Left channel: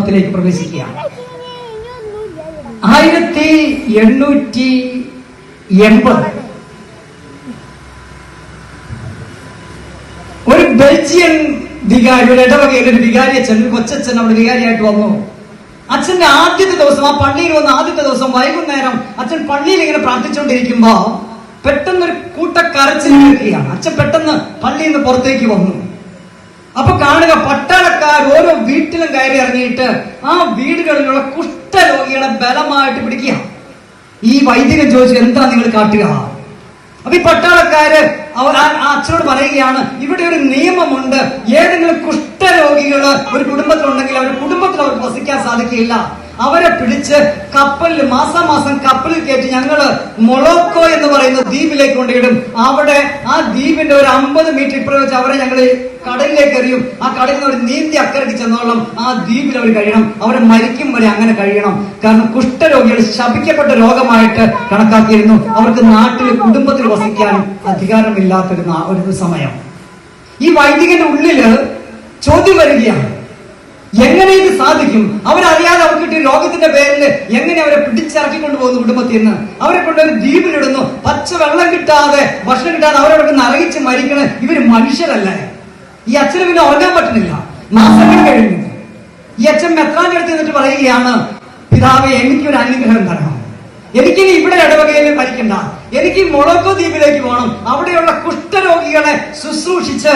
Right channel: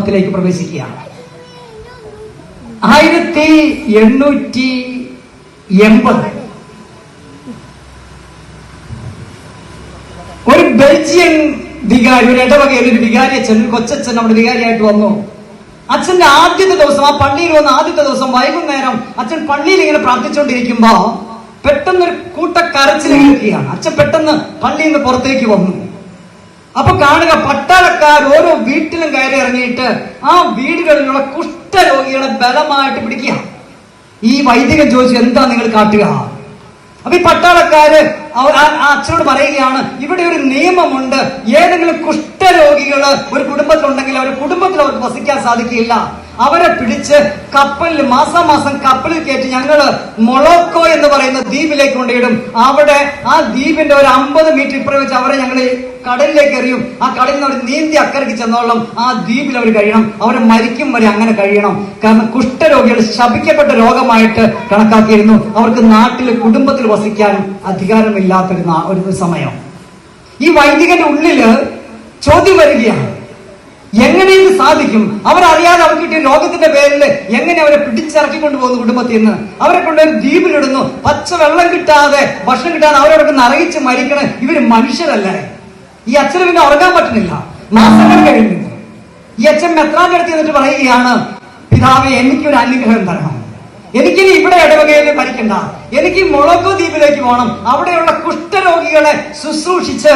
ത്തിലേക്ക് പ്രവേശിക്കുകയാണ്. ആയിരത്തി എണ്ണൂറ്റി എൺപത്. ഒരു ബെൽജിയൻ വികാരി ഒരു ഇടവകയിൽ ഒരു വികാരി അച്ഛൻ ഒരു കൊച്ചച്ഛൻ നമ്മുടെ വികാരിയായിട്ട് വന്നു. അച്ഛന്റെ ആദ്യത്തെ ദിവസം ആ പള്ളിയിൽ വന്ന ആദ്യത്തെ ദിവസം വൈകുന്നേരം അച്ഛൻ പള്ളിയിൽ ഇങ്ങനെ പ്രാർത്ഥിച്ചുകൊണ്ടിരിക്കുമ്പോ പെട്ടെന്ന് ഒരു കൂട്ട കേൾക്കുകയാണ് അച്ഛൻ പെട്ടെന്ന് പള്ളിയിൽ നിന്ന് പുറത്തേക്ക് വന്നു. അപ്പൊ കാണുക പട്ടാളക്കാർ ഓരോ വീട്ടിലും കയറി ഇറങ്ങിയിട്ട് ആ വീടുകളിലുള്ള കുഷ്ഠരോഗികളെ ബലമായിട്ട് പിടിക്കുക. ഈ വൈദികൻ ചോദിച്ചു എന്താ നിങ്ങൾ കാട്ടുക? അപ്പൊ ഈ പട്ടാളക്കാര് അച്ഛനോട് പറയുകയാണ് ഇവിടെ ഒരു നിയമമുണ്ട്. ഏതെങ്കിലും കുഷ്ഠരോഗികൾ ഒരു കുടുംബത്തിലുണ്ടെങ്കിൽ അവർ കുടുംബത്തിൽ അവർക്ക് വസിക്കാൻ സാധിക്കില്ല. അവരെ പിടിച്ച് കപ്പലിൽ മാസം മാസം കപ്പലിൽ കയറ്റി ഞങ്ങൾ മൊളോക്കോ എന്ന് പറയുന്ന ദ്വീപിലേക്ക് കൊണ്ടിടും അവിടെ ആ ദ്വീപിന്റെ ഒരു അമ്പത് മീറ്റർ ഇപ്പുറം വെച്ച് അവരെ ഞങ്ങൾ കടലിലേക്ക് എറിയും ആ കടലിൽ നിന്ന് അവർ നീന്തി അക്കരയ്ക്ക് ചെന്നോളം ആ ദ്വീപിൽ അവർ കഴിയണം. അവർ മരിക്കും വരെ അങ്ങനെ കഴിയണം. കാരണം കുഷ്ഠരോഗികൾ ശപിക്കപ്പെട്ട രോഗമായിട്ട് കണക്കാക്കിയിരുന്നു. അവർക്ക് നാട്ടിൽ കുടുംബത്തിൽ വസിക്കാനും അധികാരമില്ലാത്തൊരു ഒരു സമയം. ഈ വൈദികന്റെ ഉള്ളിൽ ചോദ്യം വരികയാണ്. എങ്ങനെ ഇത് സാധിക്കും? അവരറിയാതെ അവർക്ക് കിട്ടിയ രോഗത്തിന്റെ പേരിൽ എങ്ങനെ അവരെ പിടിച്ചിറക്കി കൊണ്ടുപോകുന്നു കുടുംബത്തിൽ നിന്ന് അവരെ കൊണ്ടൊരു ദ്വീപിലിടുന്നു. പച്ച വെള്ളം കിട്ടാതെ ഭക്ഷണം കിട്ടാതെ അവരോടൊക്കെ നരകിച്ച് മരിക്കണ ഇവർ മനുഷ്യരല്ലേ? ഈ അച്ഛന് പിന്നെ ഉറങ്ങാൻ പറ്റുന്നില്ല. മാസങ്ങൾ കഴിഞ്ഞു. ഈ അച്ഛൻ മെത്രാന്റെ അടുത്ത് എന്നിട്ട് പറയുകയാണ് പിതാവെ എനിക്കൊരു അനുഗ്രഹം തരണം. എനിക്കിനി ഇവിടെ ഇടവകയിൽ പഠിക്കണ്ട. എനിക്ക് മൊളോക്കോ ദ്വീപിലേക്ക് പോകണം. അവിടെയുള്ള കുഷ്ഠരോഗികളെ ശുശ്രൂഷിച്ച്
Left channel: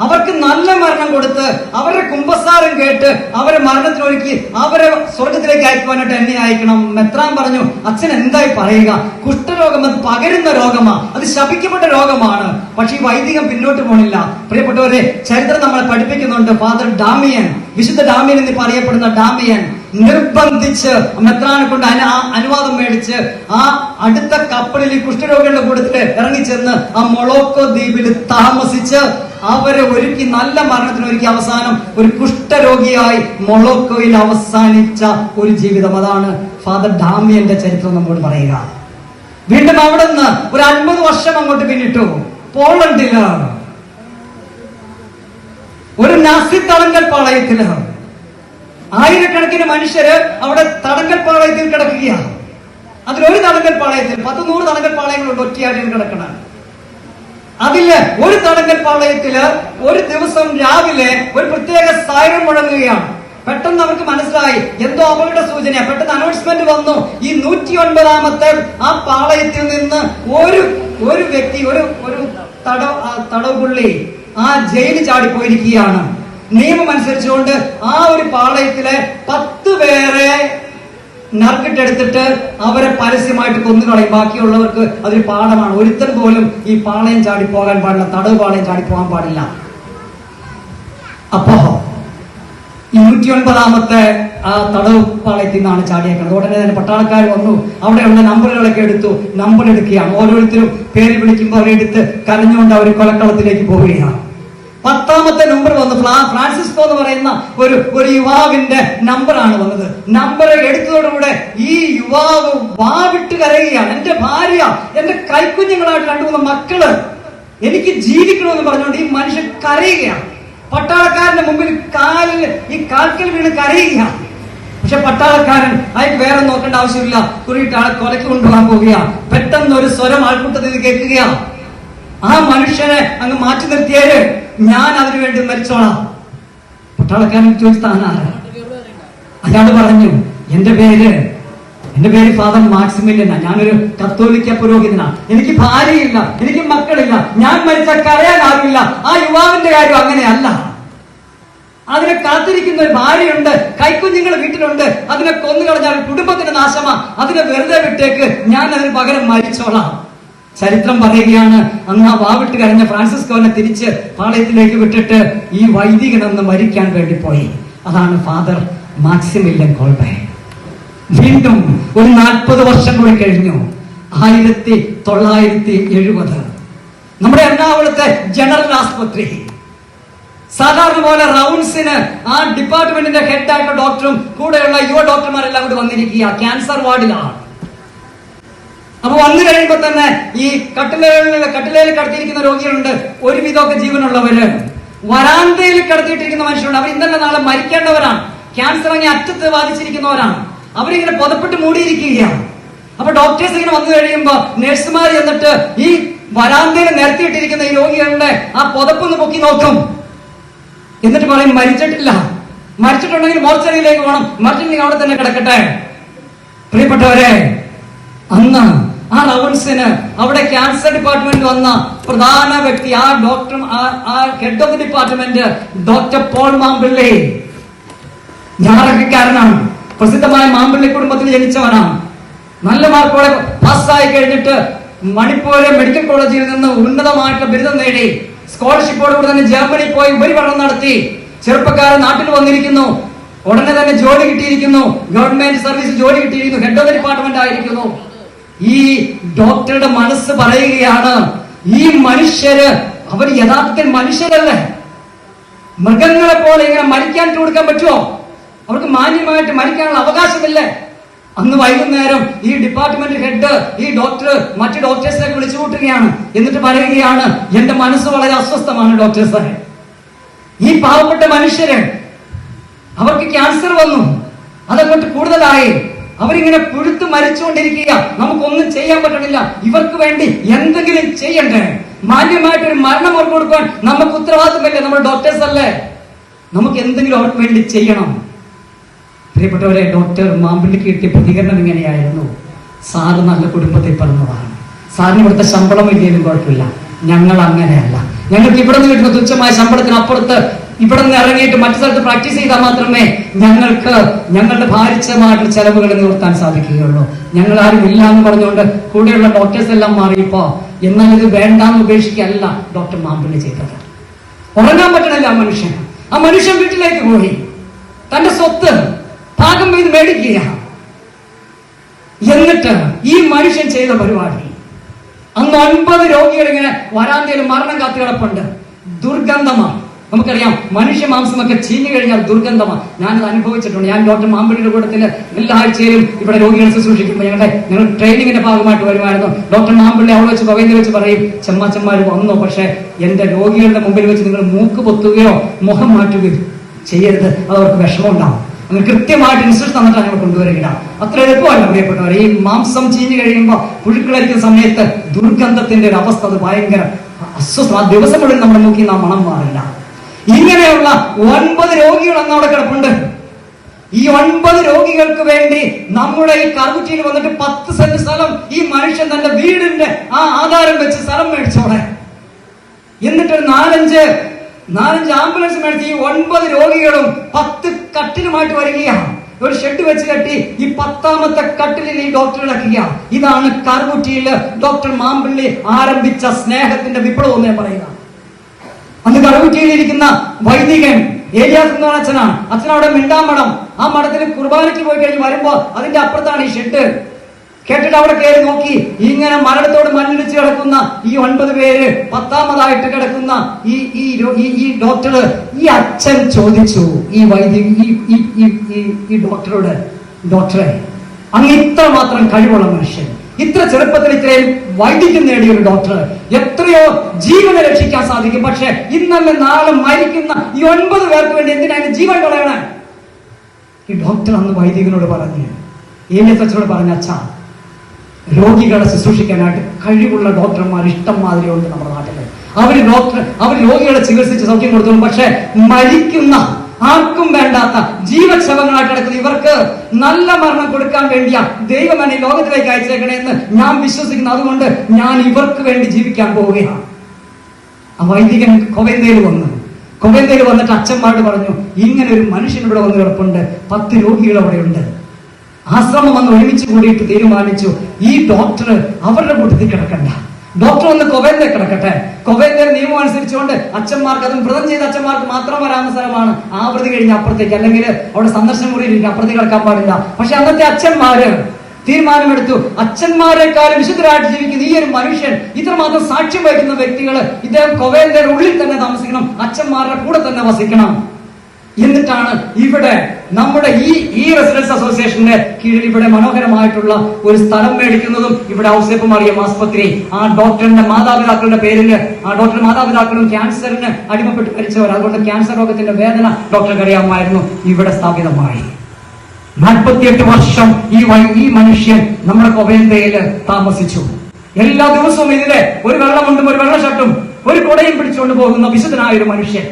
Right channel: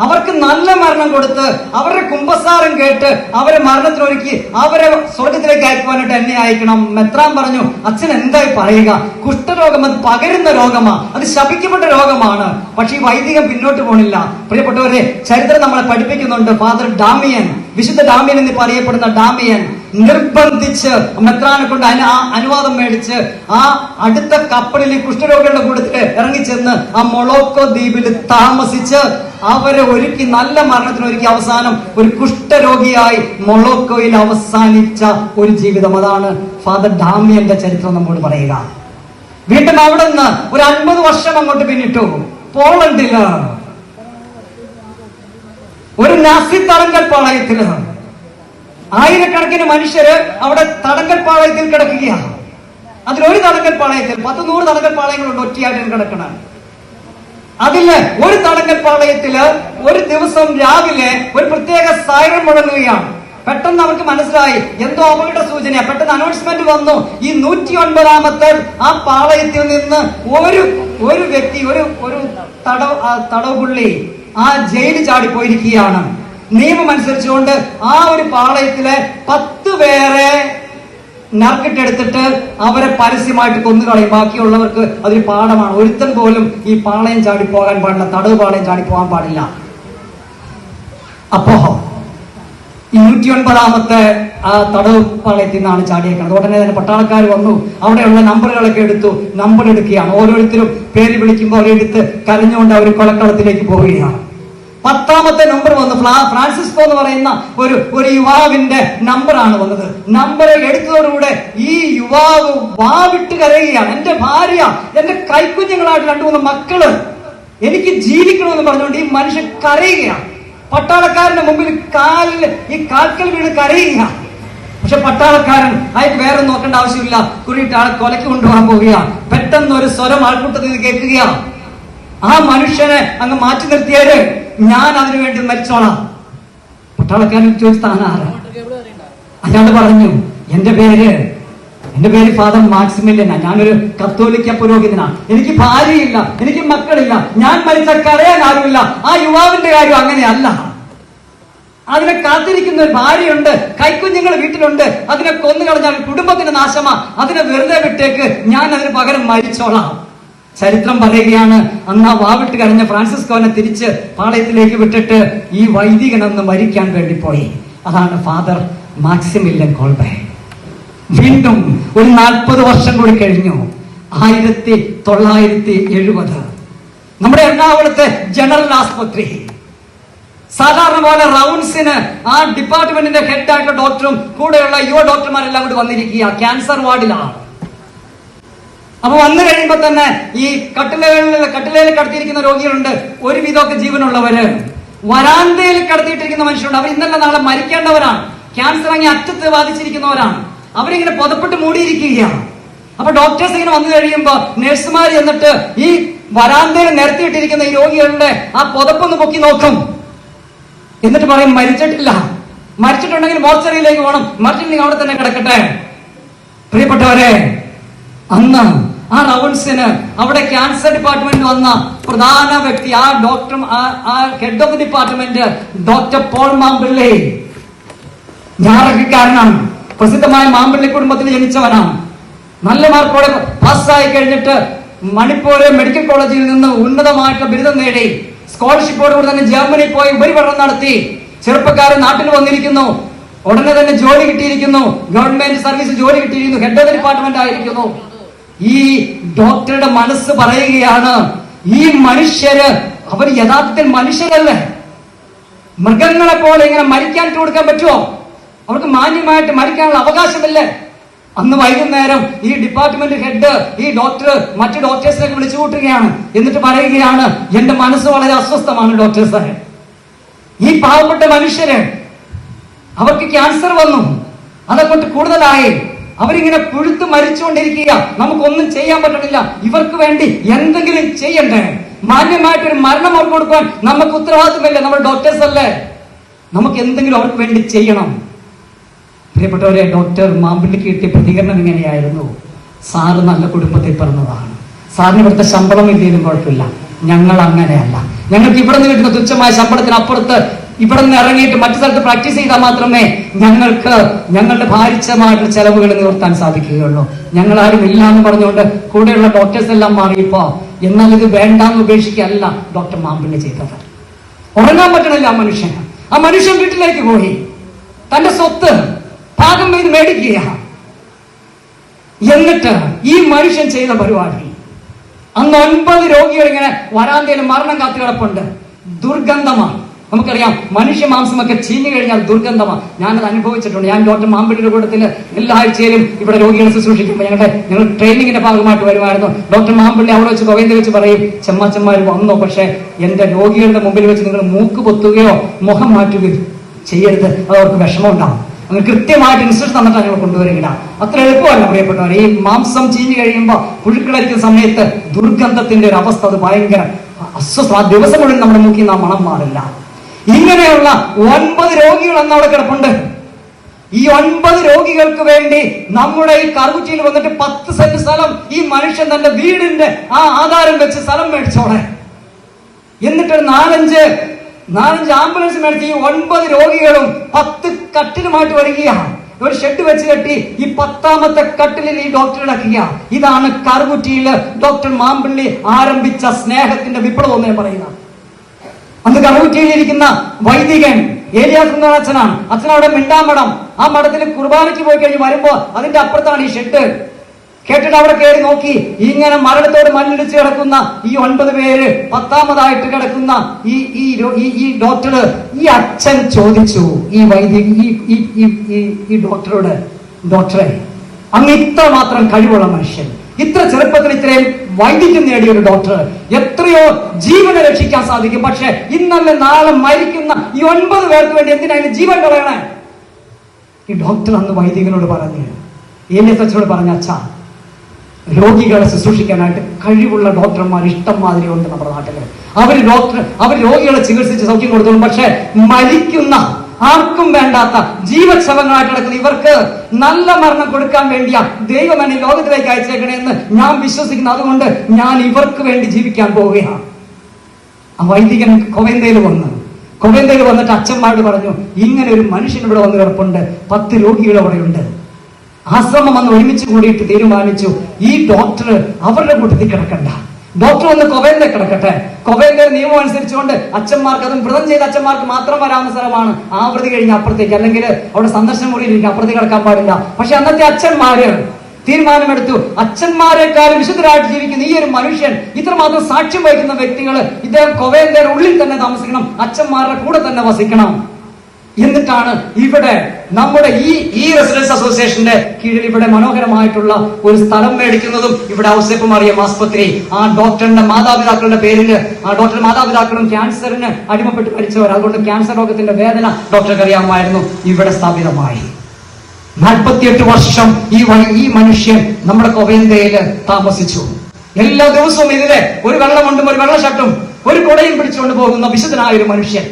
അവർക്ക് നല്ല മരണം കൊടുത്ത് അവരുടെ കുംഭസാരം കേട്ട് അവരെ മരണത്തിനൊരുക്കി അവരെ സ്വർഗത്തിലേക്ക് അയക്കുവാനായിട്ട് എന്നെ അയക്കണം. മെത്രാൻ പറഞ്ഞു അച്ഛൻ എന്തായി പറയുക? കുഷ്ഠരോഗം അത് പകരുന്ന രോഗമാ. അത് ശപിക്കപ്പെട്ട രോഗമാണ്. പക്ഷെ ഈ വൈദികം പിന്നോട്ട് പോണില്ല. പ്രിയപ്പെട്ടവരെ ചരിത്രം നമ്മളെ പഠിപ്പിക്കുന്നുണ്ട്. ഫാദർ ഡാമിയൻ വിശുദ്ധ ഡാമിയൻ എന്ന് പറയപ്പെടുന്ന ഡാമിയൻ. നിർബന്ധിച്ച് മെത്രാനെ കൊണ്ട് അനുവാദം മേടിച്ച് ആ അടുത്ത കപ്പലിൽ കുഷ്ഠരോഗിയുടെ കൂട്ടത്തിൽ ഇറങ്ങിച്ചെന്ന് ആ മൊളോക്കോ ദ്വീപിൽ താമസിച്ച് അവരെ ഒരുക്കി നല്ല മരണത്തിന് ഒരുക്കി അവസാനം ഒരു കുഷ്ഠരോഗിയായി മൊളോക്കോയിൽ അവസാനിച്ച ഒരു ജീവിതം. അതാണ് ഫാദർ ഡാമിയന്റെ ചരിത്രം നമ്മോട് പറയുക. വീണ്ടും അവിടെ നിന്ന് ഒരു അൻപത് വർഷം അങ്ങോട്ട് പിന്നിട്ടു. പോളണ്ടിൽ. ഒരു നാസി തടങ്കൽ പാളയത്തിൽ. ആയിരക്കണക്കിന് മനുഷ്യര് അവിടെ തടങ്കൽ പാളയത്തിൽ കിടക്കുകയാണ്. അതിലൊരു തടങ്കൽ പാളയത്തിൽ പത്ത് നൂറ് തടങ്കൽ പാളയങ്ങളുണ്ട് ഒറ്റയായിട്ട് കിടക്കണം അതിൽ ഒരു തടങ്കൽ പാളയത്തിൽ ഒരു ദിവസം രാവിലെ ഒരു പ്രത്യേക സൈറൻ മുഴങ്ങുകയാണ്. പെട്ടെന്ന് അവർക്ക് മനസ്സിലായി എന്തോ അവരുടെ സൂചന പെട്ടെന്ന് അനൗൺസ്മെന്റ് വന്നു. ഈ നൂറ്റി ഒൻപതാമത്തെ ആ പാളയത്തിൽ നിന്ന് ഒരു ഒരു വ്യക്തി ഒരു ഒരു തടവ് ആ തടവുപുള്ളി ആ ജയിലിൽ ചാടിപ്പോയിരിക്കുകയാണ്. നിയമം അനുസരിച്ചുകൊണ്ട് ആ ഒരു പാളയത്തിലെ പത്ത് പേരെ നറുക്കിട്ടെടുത്തിട്ട് അവരെ പരസ്യമായിട്ട് കൊന്നുകളയും. ബാക്കിയുള്ളവർക്ക് അതൊരു പാഠമാണ്. ഒരുത്തൻ പോലും ഈ പാളയം ചാടി പോകാൻ പാടില്ല തടവ് പാളയം ചാടി പോകാൻ പാടില്ല. അപ്പോ ഈ നൂറ്റി ഒൻപതാമത്തെ ആ തടവ് പാളയത്തിൽ നിന്നാണ് ചാടിയേക്കുന്നത്. ഉടനെ തന്നെ പട്ടാളക്കാർ വന്നു അവിടെയുള്ള നമ്പറുകളൊക്കെ എടുത്തു നമ്പർ എടുക്കുകയാണ്. ഓരോരുത്തരും പേര് വിളിക്കുമ്പോൾ അവരെടുത്ത് കരഞ്ഞുകൊണ്ട് അവർ കൊലക്കളത്തിലേക്ക് പോവുകയാണ്. പത്താമത്തെ നമ്പർ വന്നു ഫ്രാൻസിസ് ഫ്രാൻസിസ്കോ എന്ന് പറയുന്ന ഒരു ഒരു യുവാവിന്റെ നമ്പറാണ് വന്നത്. നമ്പർ എടുത്തതോടുകൂടെ ഈ യുവാവ് വാവിട്ട് കരയുകയാണ്. എന്റെ ഭാര്യ എന്റെ കൈക്കുഞ്ഞുങ്ങളായിട്ട് രണ്ടു മൂന്ന് മക്കൾ എനിക്ക് ജീവിക്കണമെന്ന് പറഞ്ഞുകൊണ്ട് ഈ മനുഷ്യൻ കരയുകയാണ്. പട്ടാളക്കാരന്റെ മുമ്പിൽ കാലിൽ ഈ കാൽക്കൽ വീണ് കരയുകയാണ്. പക്ഷെ പട്ടാളക്കാരൻ അയാൾക്ക് വേറെ നോക്കേണ്ട ആവശ്യമില്ല. കുറിയിട്ട് ആളെ കൊലക്ക് കൊണ്ടുപോകാൻ പോവുകയാണ്. പെട്ടെന്ന് ഒരു സ്വരം ആൾക്കൂട്ടത്തിൽ കേൾക്കുകയാണ്. ആ മനുഷ്യനെ അങ്ങ് മാറ്റി നിർത്തിയാൽ ഞാൻ അതിനു വേണ്ടി മരിച്ചോളാം. പട്ടാളക്കാരൻ ചോദിച്ചാണ് അയാൾ പറഞ്ഞു എന്റെ പേര് എന്റെ പേര് ഫാദർ മാക്സിമിലിയന. ഞാനൊരു കത്തോലിക്ക പുരോഹിതനാണ് എനിക്ക് ഭാര്യയില്ല എനിക്ക് മക്കളില്ല. ഞാൻ മരിച്ച കരയാൻ ആരുമില്ല. ആ യുവാവിന്റെ കാര്യം അങ്ങനെയല്ല. അതിനെ കാത്തിരിക്കുന്ന ഒരു ഭാര്യയുണ്ട് കൈക്കുഞ്ഞുങ്ങൾ വീട്ടിലുണ്ട്. അതിനെ കൊന്നു കളഞ്ഞാൽ കുടുംബത്തിന് നാശമാ. അതിനെ വെറുതെ വിട്ടേക്ക് ഞാൻ അതിന് പകരം മരിച്ചോളാം. ചരിത്രം പറയുകയാണ് അന്ന് ആ വാവിട്ട് കരഞ്ഞ ഫ്രാൻസിസ്കോനെ തിരിച്ച് പാളയത്തിലേക്ക് വിട്ടിട്ട് ഈ വൈദികൻ അന്ന് മരിക്കാൻ വേണ്ടി പോയി. അതാണ് ഫാദർ മാക്സിമില്ലൻ കോൾബെ. വീണ്ടും ഒരു നാൽപ്പത് വർഷം കൂടി കഴിഞ്ഞു. ആയിരത്തി തൊള്ളായിരത്തി എഴുപത്. നമ്മുടെ എറണാകുളത്തെ ജനറൽ ആസ്പത്രി. സാധാരണ പോലെ റൗണ്ട്സിന് ആ ഡിപ്പാർട്ട്മെന്റിന്റെ ഹെഡായിട്ടുള്ള ഡോക്ടറും കൂടെയുള്ള യുവ ഡോക്ടർമാരെല്ലാം കൂടി വന്നിരിക്കുക ക്യാൻസർ വാർഡിലാണ്. അപ്പൊ വന്നു കഴിയുമ്പോ തന്നെ ഈ കട്ടിലകളിൽ കട്ടിലയിൽ കടത്തിയിരിക്കുന്ന രോഗികളുണ്ട്. ഒരുവിധമൊക്കെ ജീവനുള്ളവര്. വരാന്തയിൽ കടത്തിയിട്ടിരിക്കുന്ന മനുഷ്യരുണ്ട്. അവർ ഇന്നലെ നാളെ മരിക്കേണ്ടവരാണ്. ക്യാൻസർ അങ്ങനെ അറ്റത്ത് ബാധിച്ചിരിക്കുന്നവരാണ്. അവരിങ്ങനെ പുതപ്പെട്ട് മൂടിയിരിക്കുകയാണ്. അപ്പൊ ഡോക്ടേഴ്സ് ഇങ്ങനെ വന്നു കഴിയുമ്പോ നഴ്സുമാർ എന്നിട്ട് ഈ വരാന്തയിൽ നിരത്തിയിട്ടിരിക്കുന്ന ഈ രോഗികളുടെ ആ പുതപ്പൊന്ന് പൊക്കി നോക്കും. എന്നിട്ട് പറയും മരിച്ചിട്ടില്ല. മരിച്ചിട്ടുണ്ടെങ്കിൽ മോർച്ചറിയിലേക്ക് പോകണം മരിച്ചിട്ടുണ്ടെങ്കിൽ അവിടെ തന്നെ കിടക്കട്ടെ. പ്രിയപ്പെട്ടവരെ അന്ന് ആ റൗൺസിന് അവിടെ ക്യാൻസർ ഡിപ്പാർട്ട്മെന്റ് വന്ന പ്രധാന വ്യക്തി ആ ഡോക്ടർ ആ head of department doctor Paul Mampilli. ഞാറക്കാരനാണ് പ്രസിദ്ധമായ മാമ്പിള്ളി കുടുംബത്തിൽ ജനിച്ചവനാണ്. നല്ല മാർക്കോടെ പാസ്സായി കഴിഞ്ഞിട്ട് മണിപ്പൂരെ മെഡിക്കൽ കോളേജിൽ നിന്ന് ഉന്നതമായിട്ടുള്ള ബിരുദം നേടി. സ്കോളർഷിപ്പോടുകൂടി തന്നെ ജർമ്മനിയിൽ പോയി ഉപരിപഠനം നടത്തി. ചെറുപ്പക്കാരൻ നാട്ടിൽ വന്നിരിക്കുന്നു. ഉടനെ തന്നെ ജോലി കിട്ടിയിരിക്കുന്നു. ഗവൺമെന്റ് സർവീസ് ജോലി കിട്ടിയിരിക്കുന്നു. ഹെഡ് ഓഫ് ഡിപ്പാർട്ട്മെന്റ് ആയിരിക്കുന്നു. ഈ ഡോക്ടറുടെ മനസ്സ് പറയുകയാണ് ഈ മനുഷ്യര് അവർ യഥാർത്ഥത്തിൽ മനുഷ്യരല്ലേ? മൃഗങ്ങളെ പോലെ ഇങ്ങനെ മരിക്കാൻ കൊടുക്കാൻ പറ്റുമോ അവർക്ക് മാന്യമായിട്ട് മരിക്കാനുള്ള അവകാശമില്ലേ? അന്ന് വൈകുന്നേരം ഈ ഡിപ്പാർട്ട്മെന്റ് ഹെഡ് ഈ ഡോക്ടർ മറ്റു ഡോക്ടേഴ്സിനെ വിളിച്ചു കൂട്ടുകയാണ്. എന്നിട്ട് പറയുകയാണ് എന്റെ മനസ്സ് വളരെ അസ്വസ്ഥമാണ് ഡോക്ടർ ഡോക്ടേഴ്സ് ഈ പാവപ്പെട്ട മനുഷ്യര് അവർക്ക് ക്യാൻസർ വന്നു. അതങ്ങോട്ട് കൂടുതലായി. അവരിങ്ങനെ പുഴുത്ത് മരിച്ചുകൊണ്ടിരിക്കുക. നമുക്കൊന്നും ചെയ്യാൻ പറ്റണില്ല. ഇവർക്ക് വേണ്ടി എന്തെങ്കിലും ചെയ്യണ്ടേ? മാന്യമായിട്ട് ഒരു മരണം അവർക്ക് കൊടുക്കാൻ നമുക്ക് ഉത്തരവാദിത്തമില്ല നമ്മൾ ഡോക്ടേഴ്സ് അല്ലേ? നമുക്ക് എന്തെങ്കിലും അവർക്ക് വേണ്ടി ചെയ്യണം. പ്രിയപ്പെട്ടവരെ ഡോക്ടർ മാമ്പിളിക്ക് കിട്ടിയ പ്രതികരണം ഇങ്ങനെയായിരുന്നു. സാറ് നല്ല കുടുംബത്തിൽ പിറന്നതാണ്. സാറിന് ഇവിടുത്തെ ശമ്പളം ഇല്ലെങ്കിലും കുഴപ്പമില്ല. ഞങ്ങൾ അങ്ങനെയല്ല. ഞങ്ങൾക്ക് ഇവിടെ നിന്ന് കിട്ടുന്ന തുച്ഛമായ ശമ്പളത്തിനപ്പുറത്ത് ഇവിടെ നിന്ന് ഇറങ്ങിയിട്ട് മറ്റു സ്ഥലത്ത് പ്രാക്ടീസ് ചെയ്താൽ മാത്രമേ ഞങ്ങൾക്ക് ഞങ്ങളുടെ ഭാരിച്ചമായിട്ടുള്ള ചെലവുകൾ നിവർത്താൻ സാധിക്കുകയുള്ളൂ. ഞങ്ങൾ ആരും ഇല്ല എന്ന് പറഞ്ഞുകൊണ്ട് കൂടെയുള്ള ഡോക്ടേഴ്സ് എല്ലാം മാറിയപ്പോ എന്നാൽ ഇത് വേണ്ടാന്ന് ഉപേക്ഷിക്കല്ല ഡോക്ടർ മാമ്പിനെ ചെയ്തത്. ഉറങ്ങാൻ പറ്റണില്ല ആ മനുഷ്യൻ. ആ മനുഷ്യൻ വീട്ടിലേക്ക് പോയി. തന്റെ സ്വത്ത് ഭാഗം ഇത് മേടിക്കുക. എന്നിട്ട് ഈ മനുഷ്യൻ ചെയ്ത പരിപാടി. അന്ന് ഒൻപത് രോഗികൾ ഇങ്ങനെ വരാന്തയിൽ മരണം കാത്തുകിടപ്പുണ്ട്. ദുർഗന്ധമാണ്. നമുക്കറിയാം മനുഷ്യ മാംസമൊക്കെ ചീഞ്ഞു കഴിഞ്ഞാൽ ദുർഗന്ധമാണ് ഞാനത് അനുഭവിച്ചിട്ടുണ്ട്. ഞാൻ ഡോക്ടർ മാമ്പടിയുടെ കൂട്ടത്തിൽ എല്ലാ ആഴ്ചയിലും ഇവിടെ രോഗികളെ ശുശ്രൂഷിക്കുമ്പോൾ ഞങ്ങളുടെ ഞങ്ങൾ ട്രെയിനിങ്ങിന്റെ ഭാഗമായിട്ട് വരുമായിരുന്നു. ഡോക്ടർ മാമ്പള്ളി അവിടെ വെച്ച് പകയിൽ വെച്ച് പറയും ചെമ്മാച്ചന്മാർ വന്നോ പക്ഷേ എന്റെ രോഗികളുടെ മുമ്പിൽ വെച്ച് നിങ്ങൾ മൂക്ക് പൊത്തുകയോ മുഖം മാറ്റുകയോ ചെയ്യരുത്. അത് അവർക്ക് വിഷമമുണ്ടാവും. അങ്ങനെ കൃത്യമായിട്ട് ഇൻസ്ട്രക്ഷൻ തന്നിട്ട് ഞങ്ങൾ കൊണ്ടുവരിക. അത്ര എളുപ്പമല്ല പ്രിയപ്പെട്ടവർ. ഈ മാംസം ചീഞ്ഞു കഴിയുമ്പോൾ പുഴുക്കളെത്തിയ സമയത്ത് ദുർഗന്ധത്തിന്റെ ഒരു അവസ്ഥ അത് ഭയങ്കര അസ്വസ്ഥ. ആ ദിവസം മുഴുവൻ നമ്മുടെ നോക്കി നാം മണം മാറില്ല. ഇങ്ങനെയുള്ള ഒൻപത് രോഗികൾ അന്ന് അവിടെ കിടപ്പുണ്ട്. ഈ ഒൻപത് രോഗികൾക്ക് വേണ്ടി നമ്മുടെ ഈ കറുകുറ്റിയിൽ വന്നിട്ട് പത്ത് സെന്റ് സ്ഥലം ഈ മനുഷ്യൻ തന്റെ വീടിന്റെ ആ ആധാരം വെച്ച് സ്ഥലം മേടിച്ചോടെ എന്നിട്ട് നാലഞ്ച് നാലഞ്ച് ആംബുലൻസ് മേടിച്ച് ഈ ഒൻപത് രോഗികളും പത്ത് കട്ടിലുമായിട്ട് വരികയാണ്. ഒരു ഷെഡ് വെച്ച് കെട്ടി ഈ പത്താമത്തെ കട്ടിലിൽ ഈ ഡോക്ടർ ഇടക്കുക ഇതാണ് കറുകുറ്റിയിൽ ഡോക്ടർ മാമ്പിള്ളി ആരംഭിച്ച സ്നേഹത്തിന്റെ വിപ്ലവം എന്ന് പറയുന്നത്. അന്ന് കടവുറ്റിയിലിരിക്കുന്ന വൈദികൻ ഏലിയാസ് എന്ന അച്ഛനാണ്. അച്ഛൻ അവിടെ മിണ്ടാമഠം ആ മഠത്തിന് കുർബാനയ്ക്ക് പോയി കഴിഞ്ഞ് വരുമ്പോ അതിന്റെ അപ്പുറത്താണ് ഈ ഷെഡ്. കേട്ടിട്ട് അവിടെ കയറി നോക്കി. ഇങ്ങനെ മരണത്തോട് മണ്ണിടിച്ച് കിടക്കുന്ന ഈ ഒൻപത് പേര് പത്താമതായിട്ട് കിടക്കുന്ന ഈ ഈ ഈ ഡോക്ടർ ഈ അച്ഛൻ ചോദിച്ചു ഈ വൈദ്യ ഈ ഡോക്ടറോട് ഡോക്ടറെ അങ്ങ് ഇത്ര മാത്രം കഴിവുള്ള മനുഷ്യൻ. ഇത്ര ചെറുപ്പത്തിൽ ഇത്രയും വൈദ്യം നേടിയ ഒരു ഡോക്ടർ എത്രയോ ജീവനെ രക്ഷിക്കാൻ സാധിക്കും. പക്ഷെ ഇന്നല്ല നാളെ മരിക്കുന്ന ഈ ഒൻപത് പേർക്ക് വേണ്ടി എന്തിനാണ് ജീവൻ കളയണേ? ഈ ഡോക്ടർ അന്ന് വൈദികനോട് പറഞ്ഞു ഏലിയത്തച്ഛനോട് പറഞ്ഞ അച്ഛ രോഗികളെ ശുശ്രൂഷിക്കാനായിട്ട് കഴിവുള്ള ഡോക്ടർമാർ ഇഷ്ടം മാതിരി ഉണ്ട് നമ്മുടെ നാട്ടിൽ. അവർ ഡോക്ടർ അവർ രോഗികളെ ചികിത്സിച്ച് സൗഖ്യം കൊടുത്തോളും പക്ഷെ മരിക്കുന്ന ആർക്കും വേണ്ടാത്ത ജീവക്ഷവങ്ങളായിട്ട് കിടക്കുന്ന ഇവർക്ക് നല്ല മരണം കൊടുക്കാൻ വേണ്ടിയ ദൈവം എന്നെ ലോകത്തിലേക്ക് അയച്ചേക്കണേന്ന് ഞാൻ വിശ്വസിക്കുന്നു. അതുകൊണ്ട് ഞാൻ ഇവർക്ക് വേണ്ടി ജീവിക്കാൻ പോവുകയാണ്. ആ വൈദികൻ കൊവന്തയിൽ വന്നു. കൊവന്തയിൽ വന്നിട്ട് അച്ഛന്മാരോട് പറഞ്ഞു ഇങ്ങനെ ഒരു മനുഷ്യൻ ഇവിടെ വന്ന് കിടപ്പുണ്ട്. പത്ത് രോഗികൾ അവിടെയുണ്ട്. ആശ്രമം വന്ന് ഒരുമിച്ച് കൂടിയിട്ട് തീരുമാനിച്ചു. ഈ ഡോക്ടർ അവരുടെ കൂട്ടത്തിൽ കിടക്കണ്ട. ഡോക്ടർ ഒന്ന് കൊവേന്റെ കിടക്കട്ടെ. കൊവേന്റെ നിയമം അനുസരിച്ചുകൊണ്ട് അച്ഛന്മാർക്ക് അതും വ്രതം ചെയ്ത അച്ഛന്മാർക്ക് മാത്രം വരാവുന്ന സ്ഥലമാണ് ആവൃത്തി കഴിഞ്ഞ അപ്പുറത്തേക്ക്. അല്ലെങ്കിൽ അവിടെ സന്ദർശനം മുറിയിൽ ഇരിക്കുക അപ്പുറത്തേക്ക് കിടക്കാൻ പാടില്ല. പക്ഷെ അന്നത്തെ അച്ഛന്മാര് തീരുമാനമെടുത്തു. അച്ഛന്മാരെക്കാളും വിശുദ്ധരായിട്ട് ജീവിക്കുന്ന ഈ ഒരു മനുഷ്യൻ ഇത്രമാത്രം സാക്ഷ്യം വഹിക്കുന്ന വ്യക്തികൾ ഇദ്ദേഹം കൊവേന്റെ ഉള്ളിൽ തന്നെ താമസിക്കണം. അച്ഛന്മാരുടെ കൂടെ തന്നെ വസിക്കണം. എന്നിട്ടാണ് ഇവിടെ നമ്മുടെ ഈ ഈ റെസിഡൻസ് അസോസിയേഷന്റെ കീഴിൽ ഇവിടെ മനോഹരമായിട്ടുള്ള ഒരു സ്ഥലം മേടിക്കുന്നതും ഇവിടെ ഔസേപ്പ് മറിയം ആസ്പത്രി. ആ ഡോക്ടറിന്റെ മാതാപിതാക്കളുടെ പേരിൽ ആ ഡോക്ടർ മാതാപിതാക്കളും ക്യാൻസറിന് അടിമപ്പെട്ട് മരിച്ചവർ. അതുകൊണ്ട് ക്യാൻസർ രോഗത്തിന്റെ വേദന ഡോക്ടർക്ക് അറിയാമായിരുന്നു. ഇവിടെ സ്ഥാപിതമായി. നാൽപ്പത്തിയെട്ട് വർഷം ഈ ഈ മനുഷ്യൻ നമ്മുടെ കൊവേന്തയിൽ താമസിച്ചു. എല്ലാ ദിവസവും ഇതിലെ ഒരു വെള്ളമുണ്ടും ഒരു വെള്ള ഒരു കുടയും പിടിച്ചുകൊണ്ട് പോകുന്ന വിശുദ്ധനായ ഒരു മനുഷ്യൻ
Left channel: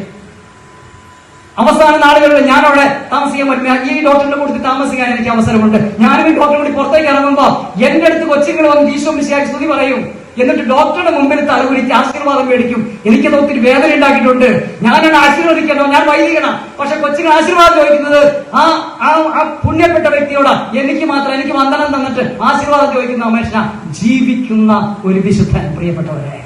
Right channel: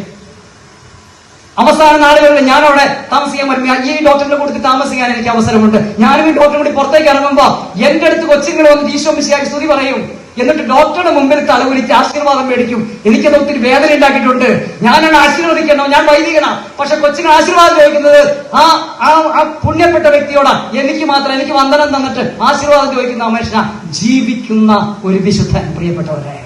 അവസാന നാളുകളിൽ ഞാൻ അവിടെ താമസിക്കാൻ പറ്റില്ല. ഈ ഡോക്ടറിന്റെ കൂടെ താമസിക്കാൻ എനിക്ക് അവസരമുണ്ട്. ഞാനും ഈ ഡോക്ടറെ കൂടി പുറത്തേക്ക് ഇറങ്ങുമ്പോ എന്റെ അടുത്ത് കൊച്ചിങ്ങനെ വന്ന് ഈശോ മിശിയാക്കി സ്തുതി പറയും. എന്നിട്ട് ഡോക്ടറുടെ മുമ്പിൽ തലവിളിച്ച് ആശീർവാദം മേടിക്കും. എനിക്കത് ഒത്തിരി വേദന ഉണ്ടാക്കിയിട്ടുണ്ട് ഞാനാണ് ആശീർവദിക്കണം. ഞാൻ വൈദികനാ. പക്ഷെ കൊച്ചിന് ആശീർവാദം ചോദിക്കുന്നത് ആ ആ പുണ്യപ്പെട്ട വ്യക്തിയോടാ. എനിക്ക് മാത്രം എനിക്ക് വന്ദനം തന്നിട്ട് ആശീർവാദം ചോദിക്കുന്ന മനുഷ്യന. ജീവിക്കുന്ന ഒരു വിശുദ്ധ പ്രിയപ്പെട്ടവരെ.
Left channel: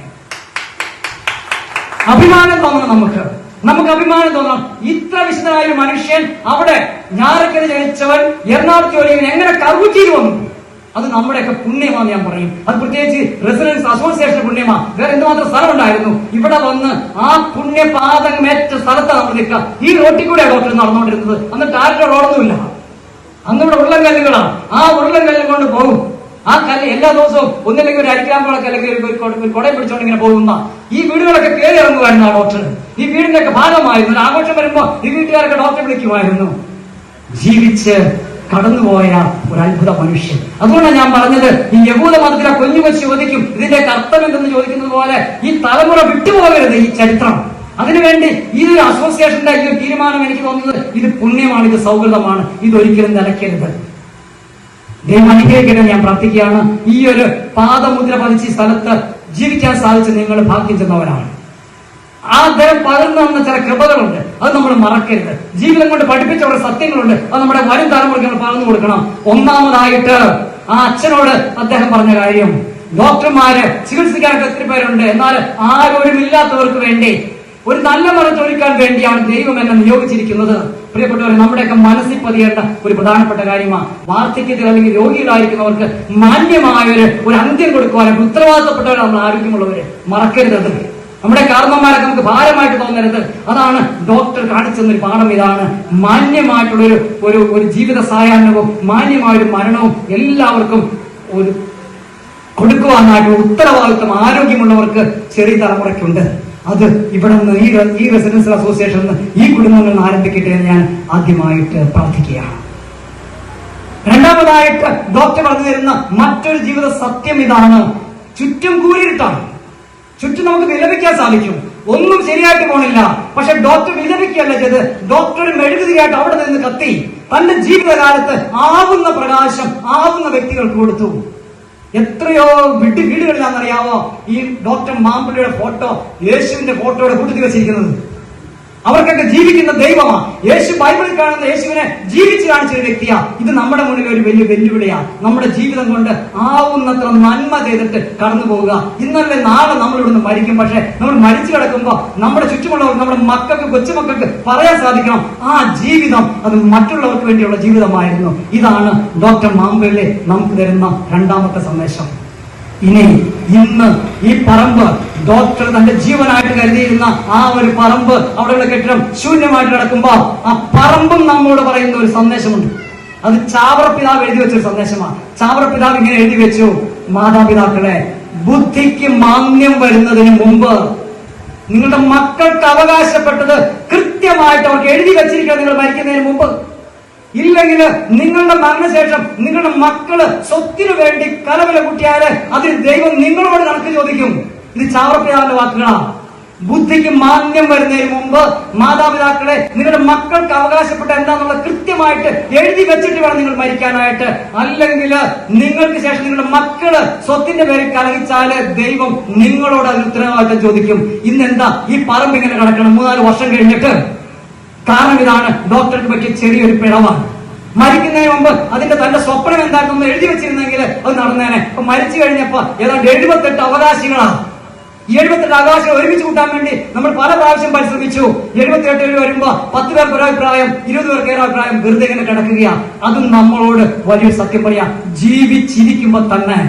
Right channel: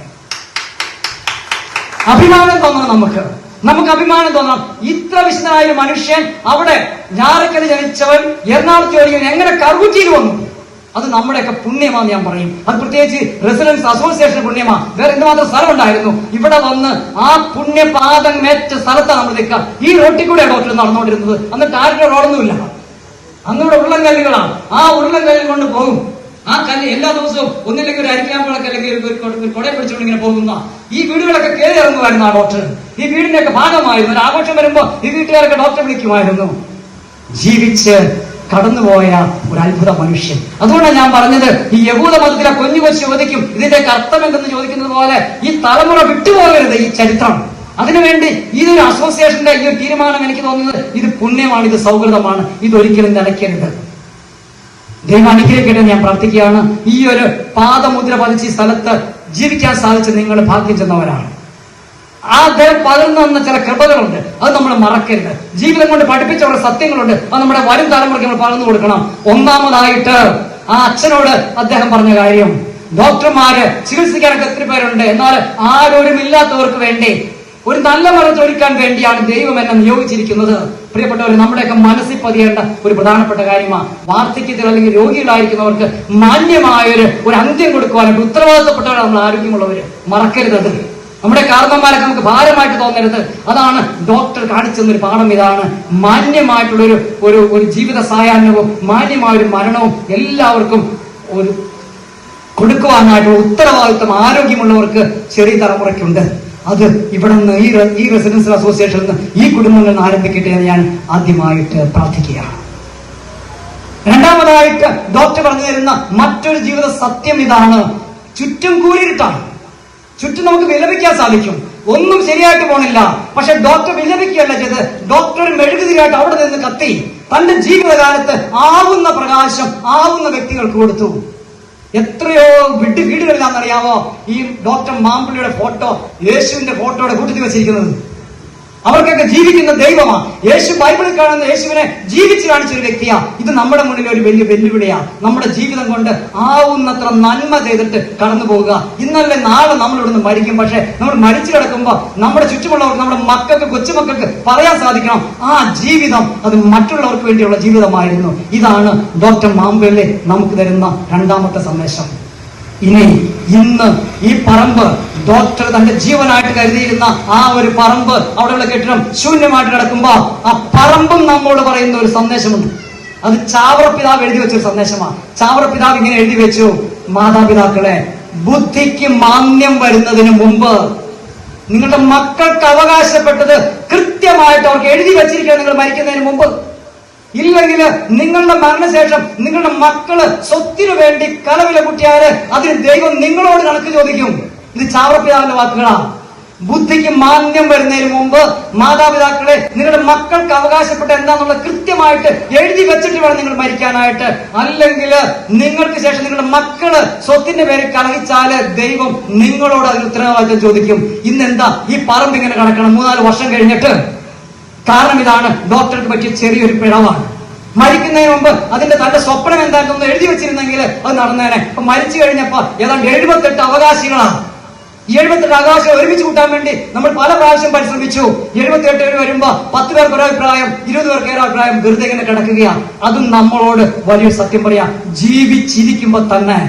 അഭിമാനം തോന്നണം നമുക്ക്. നമുക്ക് അഭിമാനം തോന്നണം ഇത്ര വിശുദ്ധനായ ഒരു മനുഷ്യൻ അവിടെ ഞാറക്കൽ ജനിച്ചവൻ എറണാകുളത്ത് വഴിയിൽ എങ്ങനെ കറുകുറ്റിയിൽ വന്നു? അത് നമ്മുടെയൊക്കെ പുണ്യമാണെന്ന് ഞാൻ പറയും. അത് പ്രത്യേകിച്ച് റെസിഡൻസ് അസോസിയേഷൻ പുണ്യമാ. വേറെ എന്തുമാത്രം സ്ഥലം ഉണ്ടായിരുന്നു ഇവിടെ വന്ന് ആ പുണ്യപാദമേറ്റ സ്ഥലത്താണ് നമ്മൾ നിൽക്കുക. ഈ റോട്ടിൽ കൂടെ ഡോക്ടർ നടന്നുകൊണ്ടിരുന്നത്. എന്നിട്ട് ആരുടെ റോഡൊന്നുമില്ല. അന്നിവിടെ ഉരുളൻ കല്ലുകളാണ് ആ ഉരുളൻ കല്ലിൽ കൊണ്ട് പോകും. ആ കല്ല് എല്ലാ ദിവസവും ഒന്നില്ലെങ്കിൽ ഒരു അരിക്കാമ്പളൊക്കെ അല്ലെങ്കിൽ ഒരു കൊടയും പിടിച്ചോണ്ട് ഇങ്ങനെ പോകുന്ന ഈ വീടുകളൊക്കെ കയറി ഇറങ്ങുമായിരുന്നു ആ ഡോക്ടർ. ഈ വീടിനൊക്കെ ഭാഗമായിരുന്നു. ഒരു ആഘോഷം വരുമ്പോ ഈ വീട്ടുകാരൊക്കെ ഡോക്ടർ വിളിക്കുമായിരുന്നു. ജീവിച്ച് കടന്നുപോയ ഒരു അത്ഭുത മനുഷ്യൻ. അതുകൊണ്ടാണ് ഞാൻ പറഞ്ഞത് ഈ യഹൂദ മതത്തിലെ കുഞ്ഞു കൊച്ചു ചോദിക്കും ഇതിന്റെ അർത്ഥം എന്തെന്ന് ചോദിക്കുന്നത് പോലെ ഈ തലമുറ വിട്ടുപോകരുത് ഈ ചരിത്രം. അതിനുവേണ്ടി ഈ ഒരു അസോസിയേഷന്റെ ഈ ഒരു തീരുമാനം എനിക്ക് തോന്നുന്നത് ഇത് പുണ്യമാണ് ഇത് സൗഹൃദമാണ് ഇതൊരിക്കലും നിലയ്ക്കരുത് ദൈവം അനുഗ്രഹിക്കട്ടെ ഞാൻ പ്രാർത്ഥിക്കുകയാണ്. ഈ ഒരു പാദമുദ്ര പതിച്ച് സ്ഥലത്ത് ജീവിക്കാൻ സാധിച്ച നിങ്ങൾ ഭാഗ്യം ചെന്നവരാണ്. ആ അദ്ദേഹം പകർന്നു വന്ന ചില കൃപകളുണ്ട്. അത് നമ്മൾ മറക്കരുത്. ജീവിതം കൊണ്ട് പഠിപ്പിച്ച കുറെ സത്യങ്ങളുണ്ട്. അത് നമ്മുടെ വരും തലമുറയ്ക്ക് നമ്മൾ പറഞ്ഞു കൊടുക്കണം. ഒന്നാമതായിട്ട് ആ അച്ഛനോട് അദ്ദേഹം പറഞ്ഞ കാര്യം. ഡോക്ടർമാര് ചികിത്സിക്കാൻ എത്ര പേരുണ്ട്. എന്നാൽ ആരോരും ഇല്ലാത്തവർക്ക് വേണ്ടി ഒരു നല്ല മരം ചോദിക്കാൻ വേണ്ടിയാണ് ദൈവം എന്നെ നിയോഗിച്ചിരിക്കുന്നത്. പ്രിയപ്പെട്ടവർ നമ്മുടെയൊക്കെ മനസ്സിൽ പതിയേണ്ട ഒരു പ്രധാനപ്പെട്ട കാര്യമാണ്. വാർദ്ധക്യത്തിൽ അല്ലെങ്കിൽ രോഗികളായിരിക്കുന്നവർക്ക് മാന്യമായ ഒരു അന്ത്യം കൊടുക്കുവാനായിട്ട് ഉത്തരവാദിത്തപ്പെട്ടവരാണ് നമ്മൾ ആരോഗ്യമുള്ളവര്. മറക്കരുത് നമ്മുടെ കാർമ്മമാർക്ക് നമുക്ക് ഭാരമായിട്ട് തോന്നരുത്. അതാണ് ഡോക്ടർ കാണിച്ചു തന്നൊരു പാഠം ഇതാണ്. മാന്യമായിട്ടുള്ളൊരു ഒരു ഒരു ജീവിത സായാഹ്നവും മാന്യമായ ഒരു മരണവും എല്ലാവർക്കും ഒരു കൊടുക്കുവാനായിട്ടുള്ള ഉത്തരവാദിത്വം ആരോഗ്യമുള്ളവർക്ക് ചെറിയ തലമുറയ്ക്കുണ്ട് അത് ഇവിടെ നിന്ന് ഈ ഈ റെസിഡൻസ് അസോസിയേഷൻ നിന്ന് ഈ കുടുംബങ്ങളിൽ നിന്ന് ആരംഭിക്കട്ടെ എന്ന് ഞാൻ ആദ്യമായിട്ട് പ്രാർത്ഥിക്കുകയാണ്. രണ്ടാമതായിട്ട് ഡോക്ടർ പറഞ്ഞു തരുന്ന മറ്റൊരു ജീവിത സത്യം ഇതാണ്. ചുറ്റും കൂരിട്ടാണ് ചുറ്റും നമുക്ക് വിലപിക്കാൻ സാധിക്കും. ഒന്നും ശരിയായിട്ട് പോണില്ല. പക്ഷെ ഡോക്ടർ വിലപിക്കുകയല്ല ചെയ്ത് ഡോക്ടർ മെഴുകുതിരിയായിട്ട് അവിടെ നിന്ന് കത്തി തന്റെ ജീവിതകാലത്ത് ആവുന്ന പ്രകാശം ആവുന്ന വ്യക്തികൾക്ക് കൊടുത്തു. എത്രയോ വിട്ട് വീടുകളിലാണെന്നറിയാമോ? ഈ ഡോക്ടർ മാമ്പിളിയുടെ ഫോട്ടോ യേശുവിന്റെ ഫോട്ടോയുടെ കൂട്ടത്തിൽ വെച്ചിരിക്കുന്നത്. അവർക്കൊക്കെ ജീവിക്കുന്ന ദൈവമാണ്. യേശു ബൈബിളിൽ കാണുന്ന യേശുവിനെ ജീവിച്ചു കാണിച്ച ഒരു വ്യക്തിയാണ് ഇത് നമ്മുടെ മുന്നിൽ ഒരു വലിയ വെല്ലുവിളിയാണ് നമ്മുടെ ജീവിതം കൊണ്ട് ആവുന്നത്ര നന്മ ചെയ്തിട്ട് കടന്നു പോവുക. ഇന്നലെ നാളെ നമ്മളിവിടെ നിന്ന് മരിക്കും. പക്ഷെ നമ്മൾ മരിച്ചു കിടക്കുമ്പോൾ നമ്മുടെ ചുറ്റുമുള്ളവർക്ക് നമ്മുടെ മക്കൾക്ക് കൊച്ചുമക്കൾക്ക് പറയാൻ സാധിക്കണം. ആ ജീവിതം അത് മറ്റുള്ളവർക്ക് വേണ്ടിയുള്ള ജീവിതമായിരുന്നു. ഇതാണ് ഡോക്ടർ മാമ്പള്ളി നമുക്ക് തരുന്ന രണ്ടാമത്തെ സന്ദേശം. ഇനി ഇന്ന് ഈ പറമ്പ് ഡോക്ടർ തന്റെ ജീവനായിട്ട് കരുതിയിരുന്ന ആ ഒരു പറമ്പ് അവിടെയുള്ള കെട്ടിടം ശൂന്യമായിട്ട് കിടക്കുമ്പോ ആ പറമ്പും നമ്മോട് പറയുന്ന ഒരു സന്ദേശമുണ്ട്. അത് ചാവറ പിതാവ് എഴുതി വെച്ച സന്ദേശമാണ്. ചാവറ പിതാവ് ഇങ്ങനെ എഴുതി വെച്ചു. മാതാപിതാക്കളെ ബുദ്ധിക്ക് മാന്യം വരുന്നതിന് മുമ്പ് നിങ്ങളുടെ മക്കൾക്ക് അവകാശപ്പെട്ടത് കൃത്യമായിട്ട് അവർക്ക് എഴുതി വെച്ചിരിക്കുക നിങ്ങൾ മരിക്കുന്നതിന് മുമ്പ്. ഇല്ലെങ്കിൽ നിങ്ങളുടെ മരണശേഷം നിങ്ങളുടെ മക്കൾ സ്വത്തിനു വേണ്ടി കലവില കുട്ടിയാൽ അതിന് ദൈവം നിങ്ങളോട് കണക്ക് ചോദിക്കും. ഇത് ചാവറപ്പിതാവിന്റെ വാക്കുകളാണ് ബുദ്ധിക്ക് മാന്യം വരുന്നതിന് മുമ്പ് മാതാപിതാക്കളെ നിങ്ങളുടെ മക്കൾക്ക് അവകാശപ്പെട്ട എന്താണെന്നുള്ള കൃത്യമായിട്ട് എഴുതി വെച്ചിട്ട് വേണം നിങ്ങൾ മരിക്കാനായിട്ട്. അല്ലെങ്കിൽ നിങ്ങൾക്ക് ശേഷം നിങ്ങളുടെ മക്കൾ സ്വത്തിന്റെ പേര് കളയിച്ചാൽ ദൈവം നിങ്ങളോട് അതിന് ഉത്തരവാദിത്തം ചോദിക്കും. ഇന്നെന്താ? ഈ പറമ്പ് ഇങ്ങനെ കണക്കണം മൂന്നാൽ വർഷം കഴിഞ്ഞിട്ട് കാരണം ഇതാണ് ഡോക്ടർക്ക് പറ്റിയ ചെറിയൊരു പിഴവാണ്. മരിക്കുന്നതിന് മുമ്പ് അതിന്റെ തന്റെ സ്വപ്നം എന്തായിരുന്നു എഴുതി വെച്ചിരുന്നെങ്കിൽ അത് നടന്നേനെ. അപ്പൊ മരിച്ചു കഴിഞ്ഞപ്പോ ഏതാണ്ട് എഴുപത്തെട്ട് അവകാശികളാണ്. എഴുപത്തെട്ട് അവകാശം ഒരുമിച്ച് കൂട്ടാൻ വേണ്ടി നമ്മൾ പല പ്രാവശ്യം പരിശ്രമിച്ചു. എഴുപത്തിയെട്ട് പേര് വരുമ്പോ പത്ത് പേർക്ക് ഒരു അഭിപ്രായം ഇരുപത് പേർക്ക് ഒരു അഭിപ്രായം വെറുതെ ഇങ്ങനെ കിടക്കുകയാണ്. അതും നമ്മളോട് വലിയ സത്യം പറയാ ജീവിച്ചിരിക്കുമ്പോ തന്നെ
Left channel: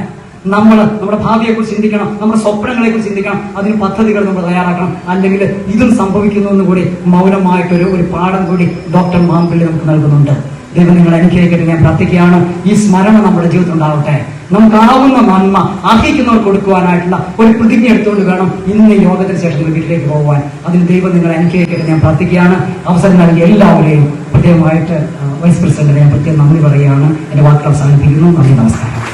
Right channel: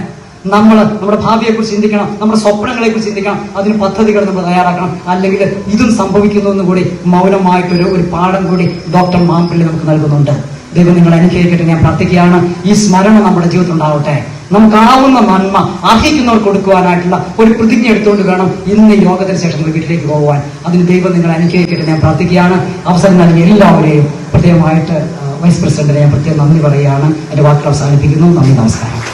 നമ്മൾ നമ്മുടെ ഭാവിയെ കുറിച്ച് ചിന്തിക്കണം നമ്മുടെ സ്വപ്നങ്ങളെ കുറിച്ച് ചിന്തിക്കണം അതിന് പദ്ധതികൾ നമ്മൾ തയ്യാറാക്കണം. അല്ലെങ്കിൽ ഇതും സംഭവിക്കുന്നു എന്ന് കൂടി മൗനമായിട്ടൊരു ഒരു പാഠം കൂടി ഡോക്ടർ മാമ്പിള്ളി നമുക്ക് നൽകുന്നുണ്ട്. ദൈവം നിങ്ങൾ അനുഗ്രഹിക്കട്ടെ. ഞാൻ പ്രാർത്ഥിക്കുകയാണ്. ഈ സ്മരണ നമ്മുടെ ജീവിതത്തിൽ ഉണ്ടാവട്ടെ. നമുക്കാവുന്ന നന്മ അർഹിക്കുന്നവർ കൊടുക്കുവാനായിട്ടുള്ള ഒരു പ്രതിജ്ഞ എടുത്തുകൊണ്ട് വേണം ഇന്ന് യോഗത്തിന് ശേഷം വീട്ടിലേക്ക് പോകുവാൻ അതിന് ദൈവം നിങ്ങൾ അനുഗ്രഹിക്കട്ടെ. ഞാൻ പ്രാർത്ഥിക്കുകയാണ്. അവസരം നൽകിയ എല്ലാവരെയും പ്രത്യേകമായിട്ട് വൈസ് പ്രസിഡന്റിനെ ഞാൻ പ്രത്യേകം നന്ദി പറയുകയാണ്. എന്റെ വാക്കുകൾ അവസാനിപ്പിക്കുന്നു. നന്ദി നമസ്കാരം.